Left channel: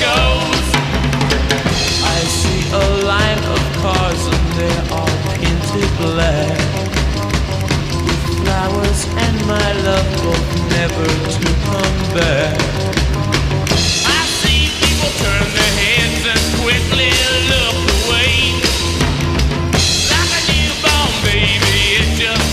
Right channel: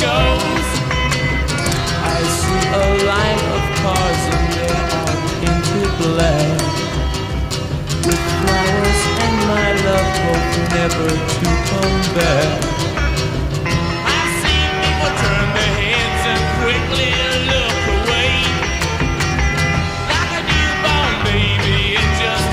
goes. I see a line of cars and they're all painted black, with flowers and my love both never to come back. I see people turn their heads and quickly look away, like a newborn baby, it just